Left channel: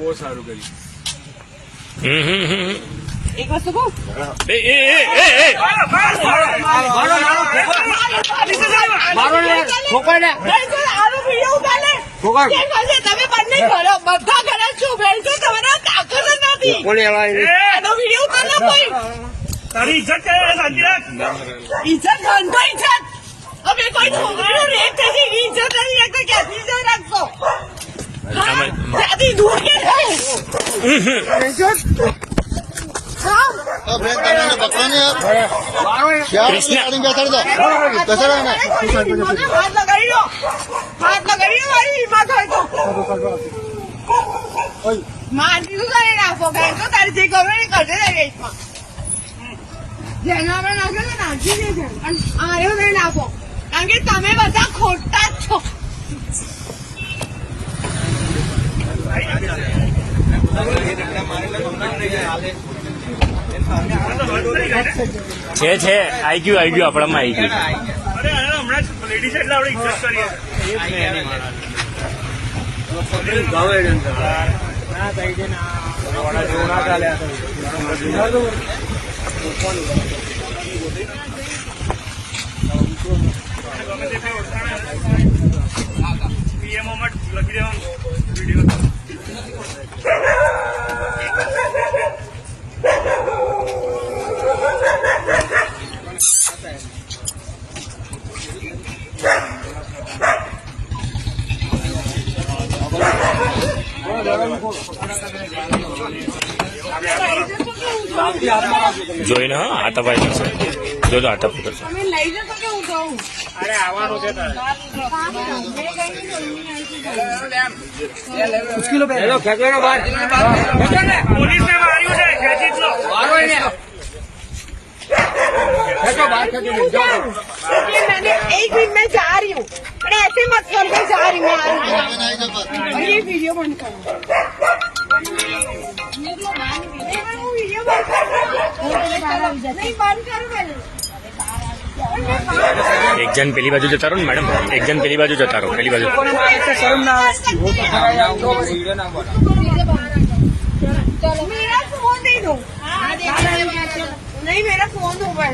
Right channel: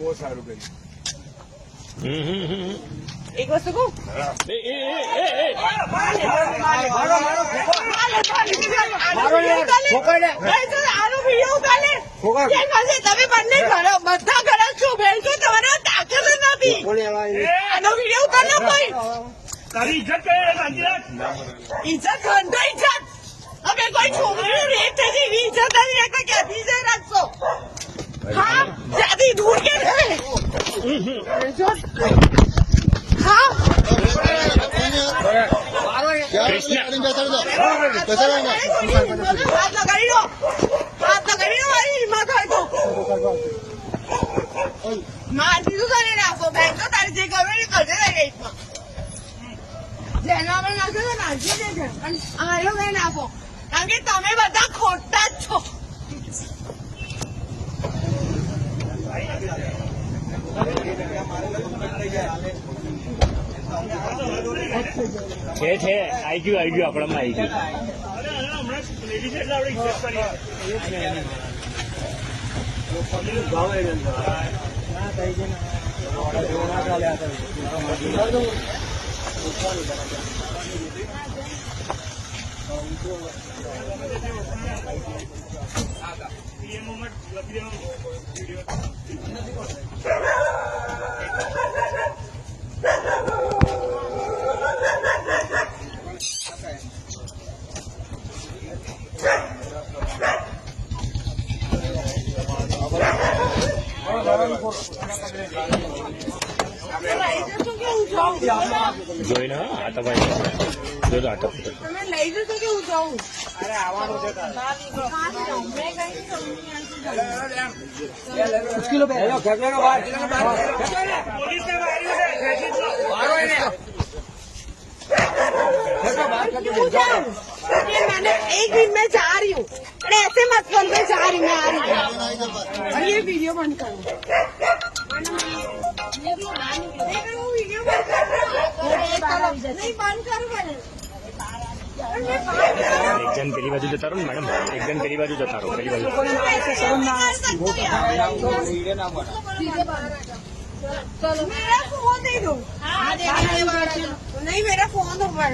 બહુ સારું કર્યું. એક વસ્તુ કહું, તમે બંને બધા ખરાબ છો. ભેણસો તમારા તાકાત નથી. એનો વિડીયો કરો કોઈ. તારી ઇજ્જત ઇજ્જત ગંધો ઇજ્જત. હવે કોઈ છોકરીનો રેપ થઈ ગઈ, ઇજ્જત નહીં રાખતા ક્યાંથી ઇજ્જત રાખશો? ત્યાંથી દૂર કે હાથ લગાડી દો, હાથ લગાડી દો. મારી હિંમત હોય તો માનતી તો કરી રાખો. બેન તો તારી જે કરો એ કરજે રેસમાં. જેના અમે નાખે તો નાખી દેશે, પણ આર્યો નહીં નાખો, કારણ કે તમે બધા ખોટા જ છો. છે આવી ગયું આપણામાં આવી ગયું. હમણાં લેડીઝ એટલે આપણે ઇજ્જત કરીએ. પીએમઓ માં લખી દેવાનું વિડીયો. જોઈને હા આટા પાડી જશે. જો આટા પકડશે. તમે લઈ જશો કે હું જાઉં? અરે આવવાનું છે તારે. પોલીસને માર્યું છે, ખેંચી જ લો. एक मिनट में जा रही हूँ, ऐसे मत करो. मैं जा रही हूँ, और ये वीडियो बंद करो. वीडियो बंद करो. नहीं बंद करो मैंने. એક જણ પેલી બાજુ જતા રહો ને મેડમ, એક જણ પેલી બાજુ જતા રહો. પેલી બાજુ मेरा फोन दे दो. नहीं मेरा फोन दो. मैं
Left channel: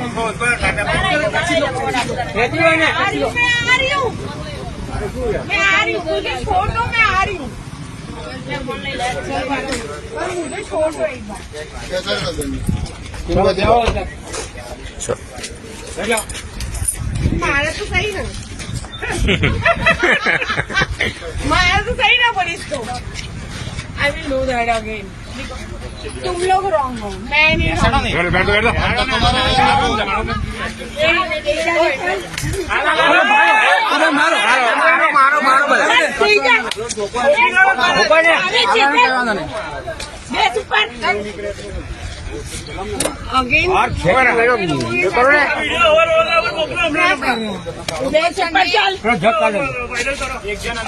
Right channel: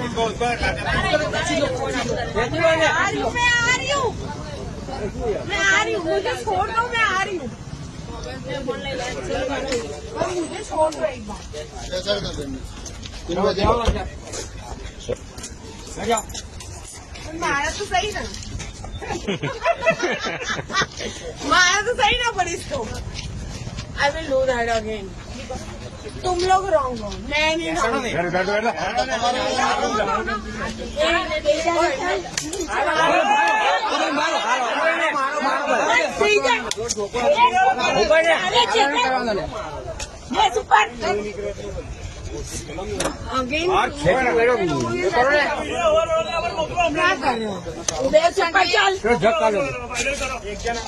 आ रही हूँ. मुझे छोड़ दो, मैं आ रही हूँ. मुझे छोड़ दो एक बार. मारा तो सही ना. मारा तो सही ना पुलिस को. I will do that again. तुम लोग रॉन्ग हो, मैं नहीं.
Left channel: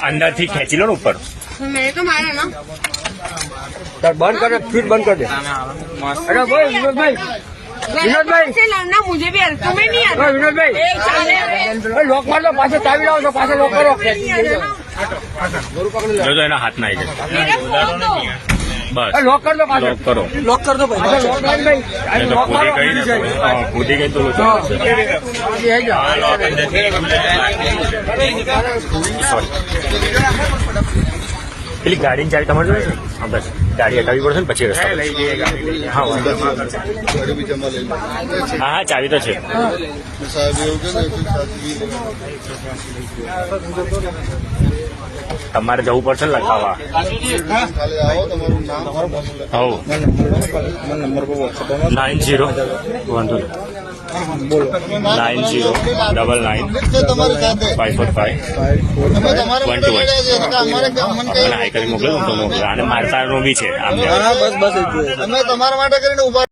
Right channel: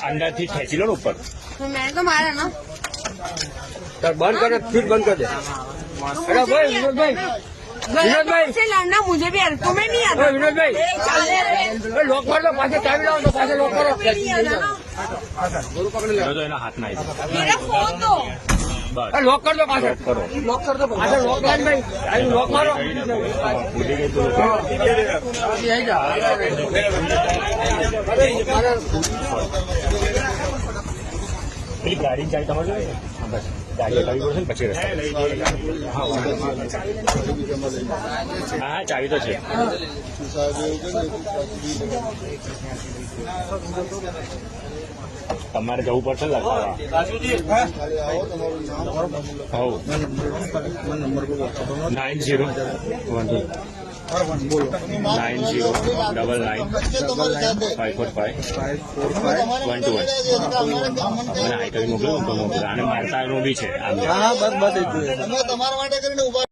અંદરથી ખેંચી લો ને ઉપર. મેં તો મારે ના बंद कर दे, फिर बंद कर दे. अरे भाई विनोद भाई से लड़ना मुझे भी तुम्हें नहीं आता. विनोद भाई लॉक मार दो. पास चाबी लाओ तो पास लॉक करो. જો એના હાથમાં આવી જશે. मेरा फोन दो. બસ लॉक कर दो. पास લોક કરો. लॉक कर दो भाई. लॉक कर भाई. એ તો કૂદી ગઈ ને, કૂદી ગઈ તો લોકો ये है क्या? પેલી ગાડીની ચાવી તમારે જોઈએ છે? હા બસ ગાડી હટાવવી પડશે ને પછી રસ્તા. હા વાંધો નહીં. હા હા ચાવી તો છે. તમારે જવું પડશે ને લખાવા. હવ 90 વાંધો નહીં. 90-545-121 આઈ કરી મોકલો તો મોકલો. અને મારતાનો બી છે આમ. बस बस તમારા માટે કરીને ઉભા